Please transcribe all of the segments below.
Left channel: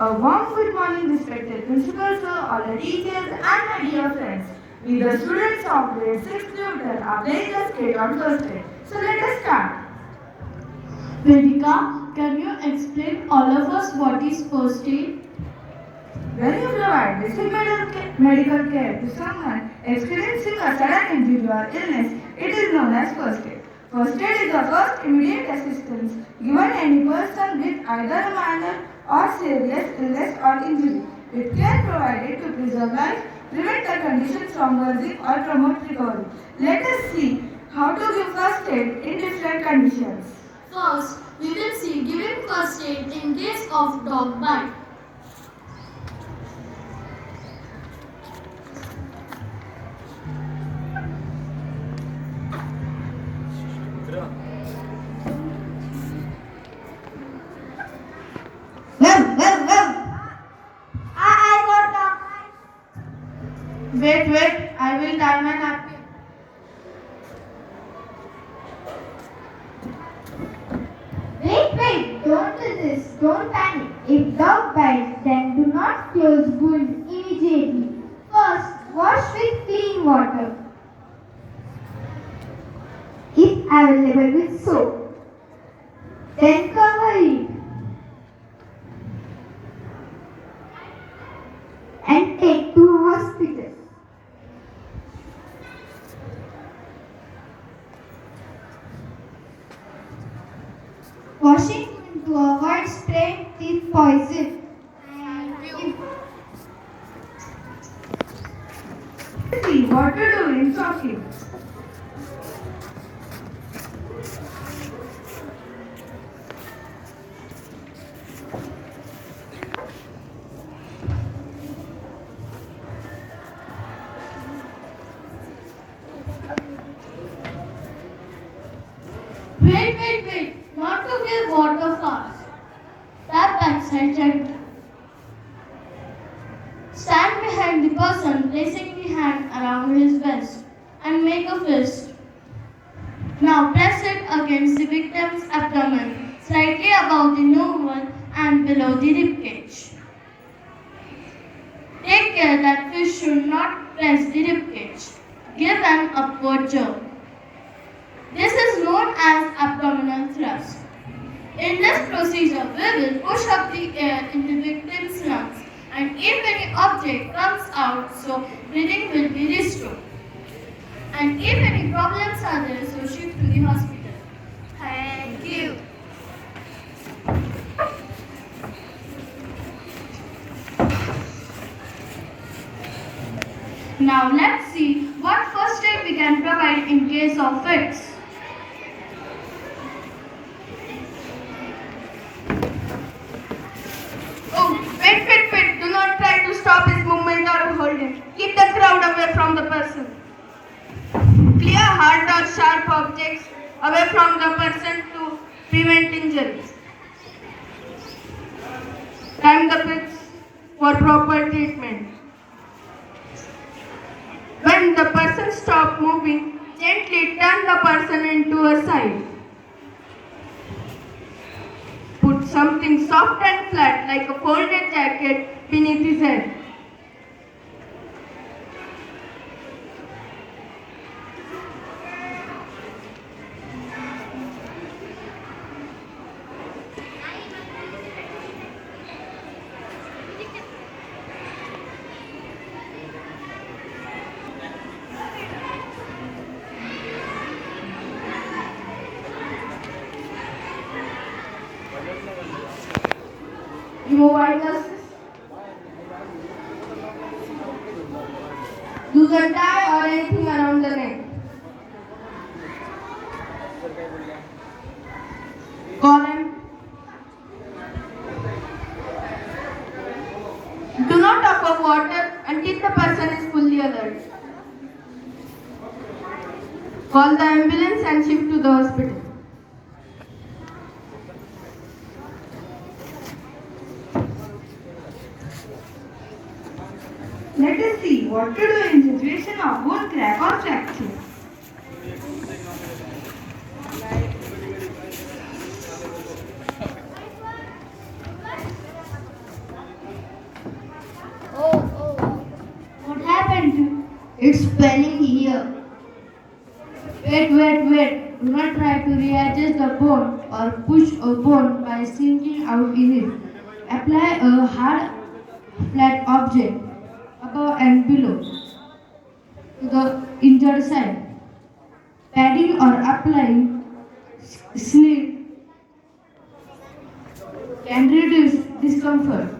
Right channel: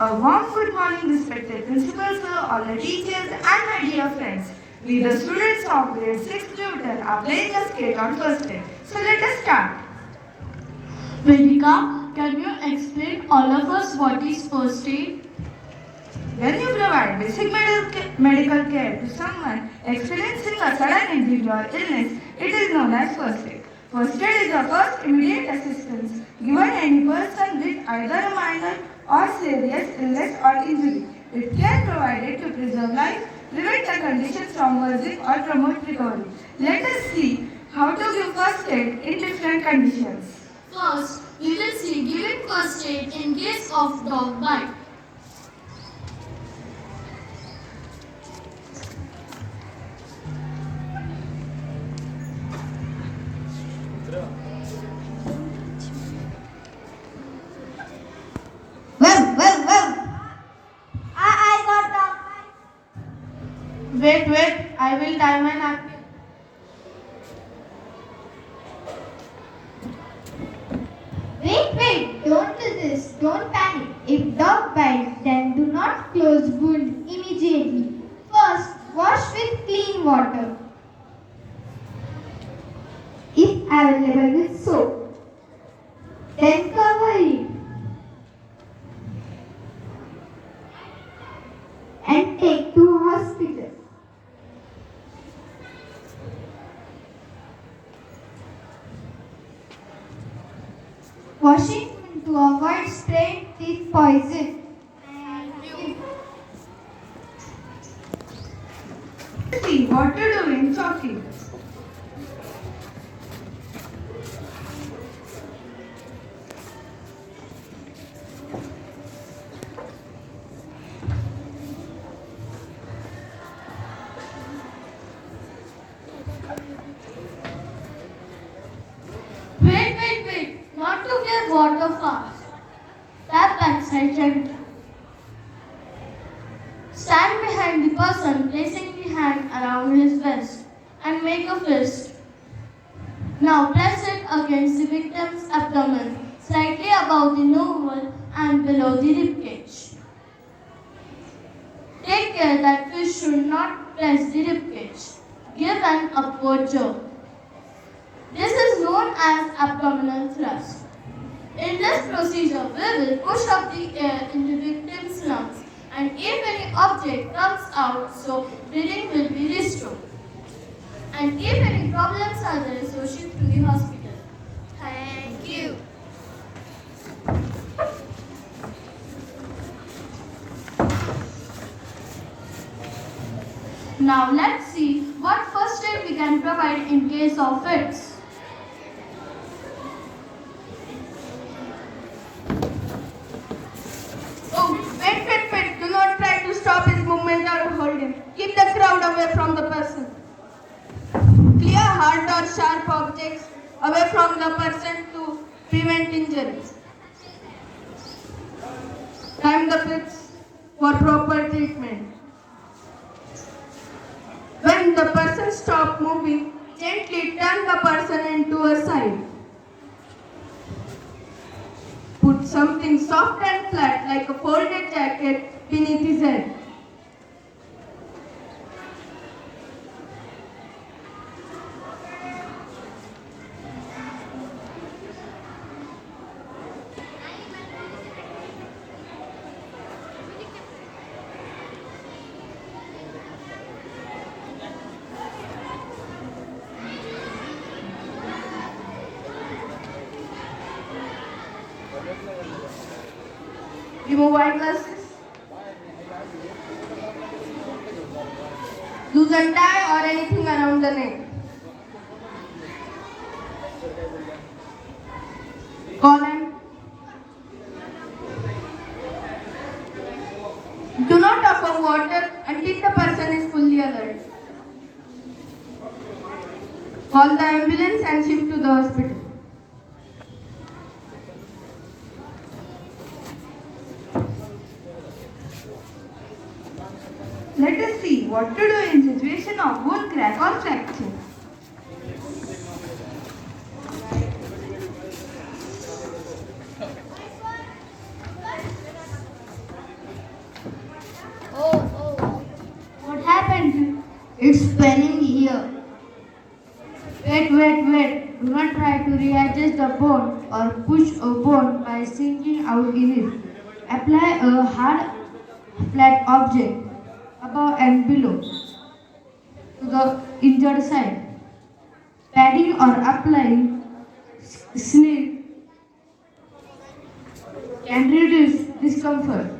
A warm good morning, respected principal sir, all the teachers, and my dear friends. We, the students of grade 6 Newton, are playing the skate on Thursday. So let us start. Vedika, can you explain all of us what is first aid? When you provide basic medical care to someone experiencing a sudden injury or illness, it is known as first aid. First aid is the first immediate assistance given any person with either a minor or serious illness or injury. It can be provided to preserve life, prevent the condition from worsening or promote recovery. Let us see how to give first aid in different conditions. First, we will see giving first aid in case of dog bite. I got dog bite. Wait, I will tie my napkin. Wait, don't do this. Don't panic. If dog bites, then do not close wound immediately. First, wash with clean water. If available with soap, then cover it and take to hospital. Washing to avoid spraying teeth poison. See what to do in talking. Wait, not to give water fast. Tap backside gently. Stand behind the person, placing the hand around his vest and make a fist. Now press it against the victim's abdomen, slightly above the navel and below the ribcage. Take care that fish should not press the ribcage. Give an upward jerk. This is known as abdominal thrust. In this procedure, we will push up the air in the victim's lungs, and if any object comes out, so breathing will be restored. And if any problems are there, so shift to the hospital. Thank you. Now let's see what first aid we can provide in case of fits. Wait. Do not try to stop his movement or hold him. Keep the crowd away from the person. Clear hard or sharp objects away from the person to prevent injuries. Time the pits for proper treatment. When the person stops moving, gently turn the person into a side. Put something soft and flat like a folded jacket beneath his head. Remove eyeglasses. Loosen tie or anything around the neck. Call him. Do not offer water until the person is fully alert. Call the ambulance and shift to the hospital. Let us see what to do in situation of bone crack or fracture. It's paining here. Wait. Do not try to readjust the bone or push a bone by sinking out in it. Apply a hard, flat object above and below to the injured side. Padding or applying sleep can reduce discomfort.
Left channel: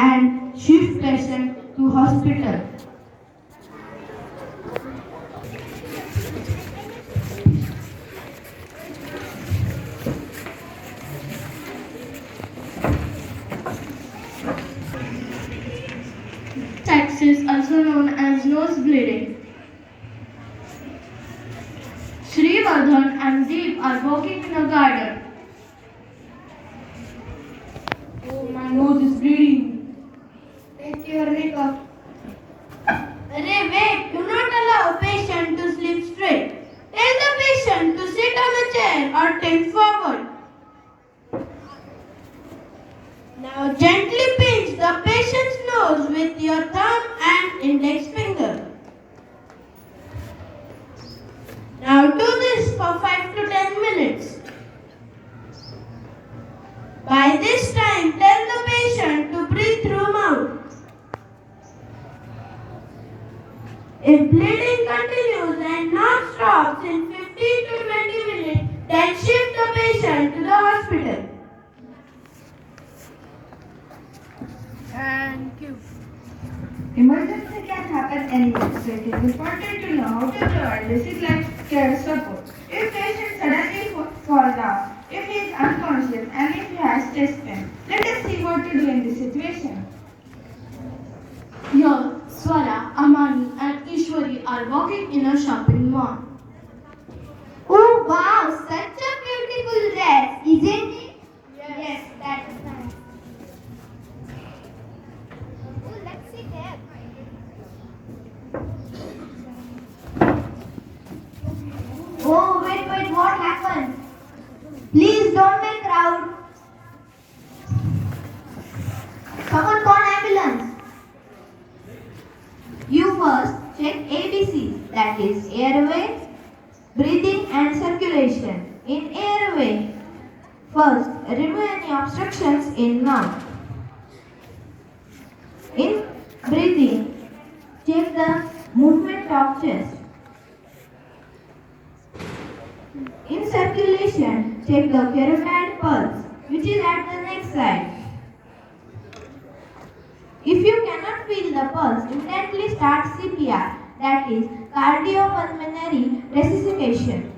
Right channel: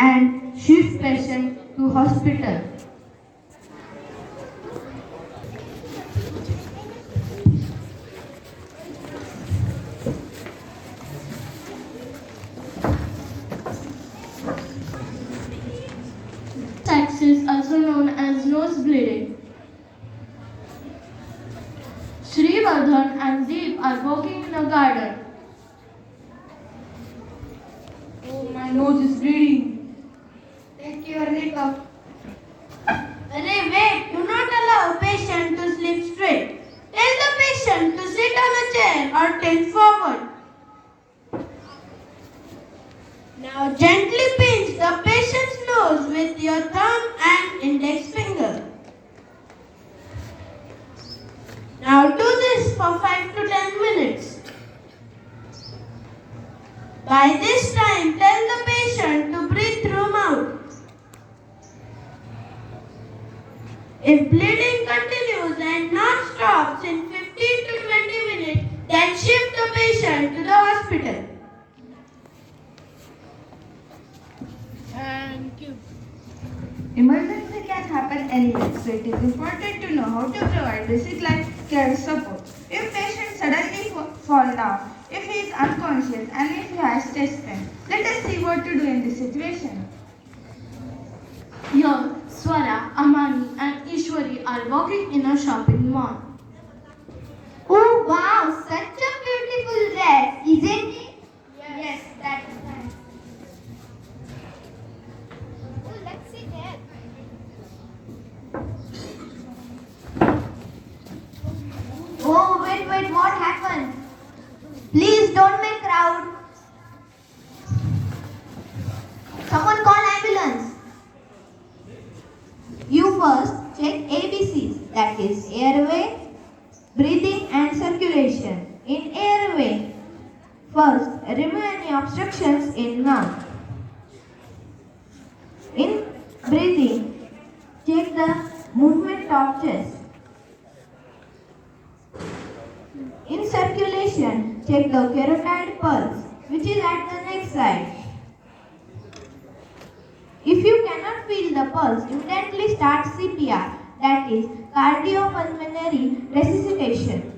And shift patient to hospital. Axis also known as nosebleeding. Srivardhan and Deep are walking in a garden. Oh, my nose is bleeding. Take your leg off. Wait, do not allow a patient to sleep straight. Tell the patient to sit on a chair or tilt forward. Now gently pinch the patient's nose with your thumb and index finger. Now do this for 5 to 10 minutes. By this time, tell the patient to breathe through mouth. If bleeding continues and not stops in 15 to 20 minutes, then shift the patient to the hospital. Thank you. Emergency can happen anywhere, so it is important to know how to provide basic life care support. If patient suddenly fall down, if he is unconscious and if he has chest pain, let us see what to do in this situation. Here, Swara, Amani and Ishwari are walking in a shopping mall. Oh wow, such a beautiful dress, isn't it? Yes, that's nice. Oh, let's see there. Oh, wait, what happened? Please don't make crowd. Someone call ambulance. You first check ABCs, that is airway, breathing and circulation. In airway, first remove any obstructions in mouth. In breathing, check the movement of chest. In circulation, check the carotid pulse, which is at the neck side. If you cannot feel the pulse, immediately start CPR, that is cardiopulmonary resuscitation.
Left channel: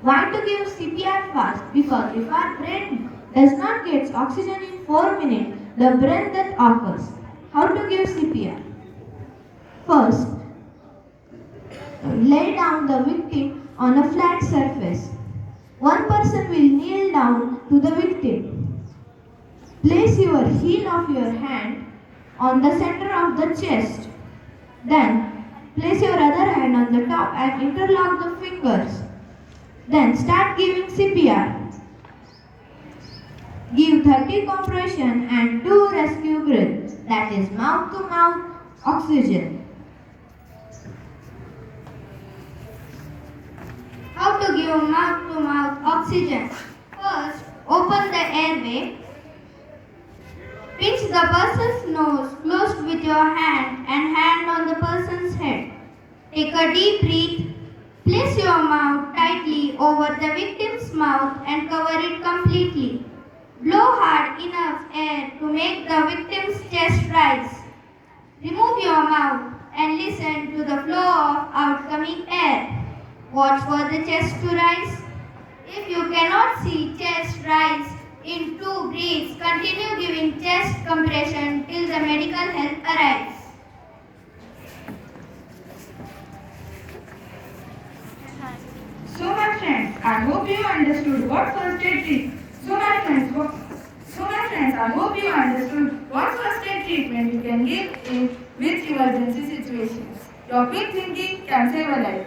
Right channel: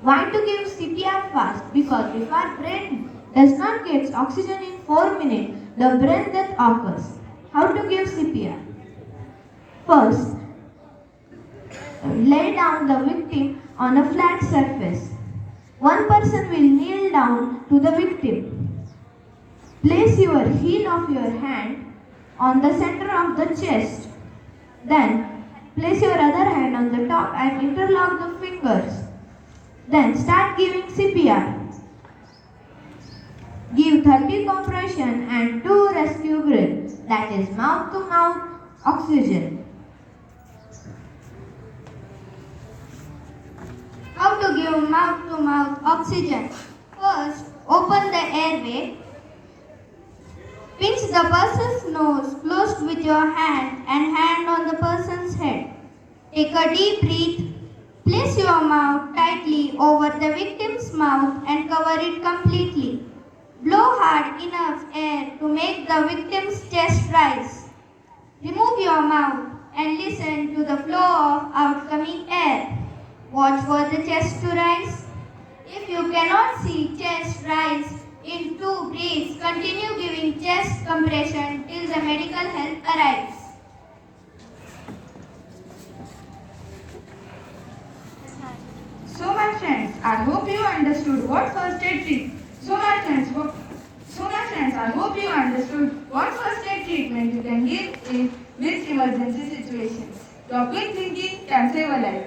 Why to give CPR fast? Because if our brain does not get oxygen in 4 minutes, the brain death occurs. How to give CPR? First, lay down the victim on a flat surface. One person will kneel down to the victim. Place your heel of your hand on the center of the chest. Then, place your other hand on the top and interlock the fingers. Then, start giving CPR. Give 30 compression and 2 rescue breaths, that is mouth to mouth oxygen. How to give mouth to mouth oxygen? First, open the airway. Pinch the person's nose closed with your hand and hand on the person's head. Take a deep breath. Place your mouth tightly over the victim's mouth and cover it completely. Blow hard enough air to make the victim's chest rise. Remove your mouth and listen to the flow of outgoing air. Watch for the chest to rise. If you cannot see chest rise in 2 breaths, continue giving chest compression till the medical help arrives. So my friends, I hope you understood what first aid treatment. I hope you understood what first aid treatment you can give in with emergency situations. Your quick thinking can save a life.